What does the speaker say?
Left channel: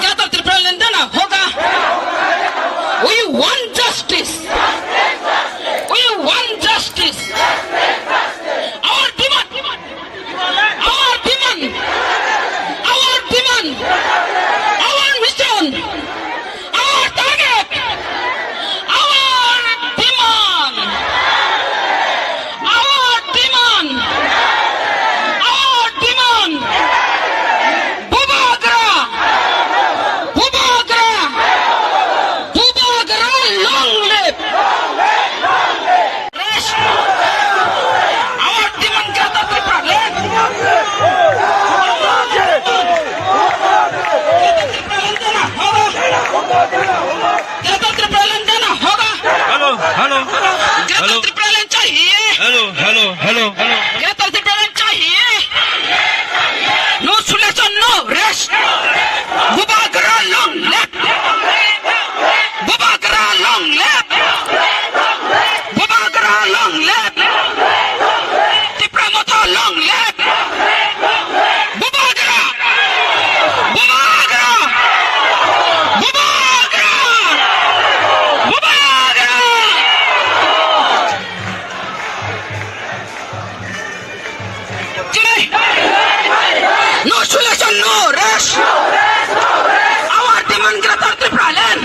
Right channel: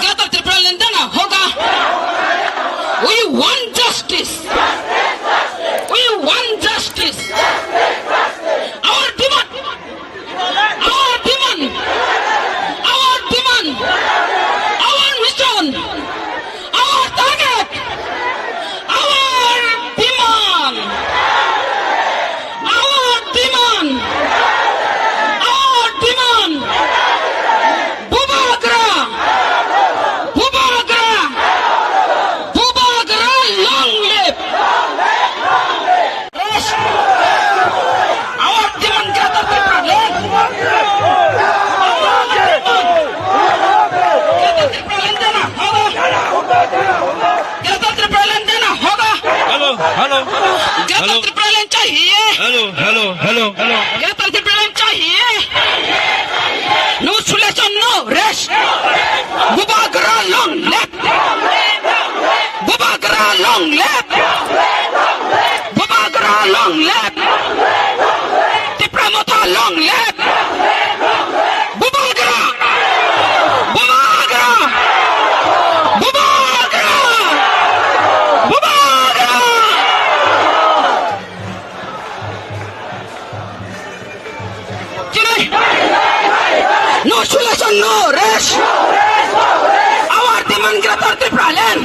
गिरफ्तार त्रिपुरा लेन देना होगा। We want justice. We want justice. Our demand. Our demand. Our demand. Our vision. Our target. Our demand. Our demand. Our demand. Bubagra. Bubagra. Bubagra long live. Yes. Our demand गिरफ्तार त्रिपुरा लेन। गिरफ्तार त्रिपुरा लेन देना होगा। Hello hello गिरफ्तार त्रिपुरा लेन चाहिए। Hello hello hello hello गिरफ्तार त्रिपुरा लेन चाहिए। No solution, no rest. Bubagra long live. Bubagra long live. Bubagra long live. Tripura Motha long live. Bubagra. Bubagra. Bubagra. Bubagra. No solution, no rest. Our demand गिरफ्तार त्रिपुरा लेन।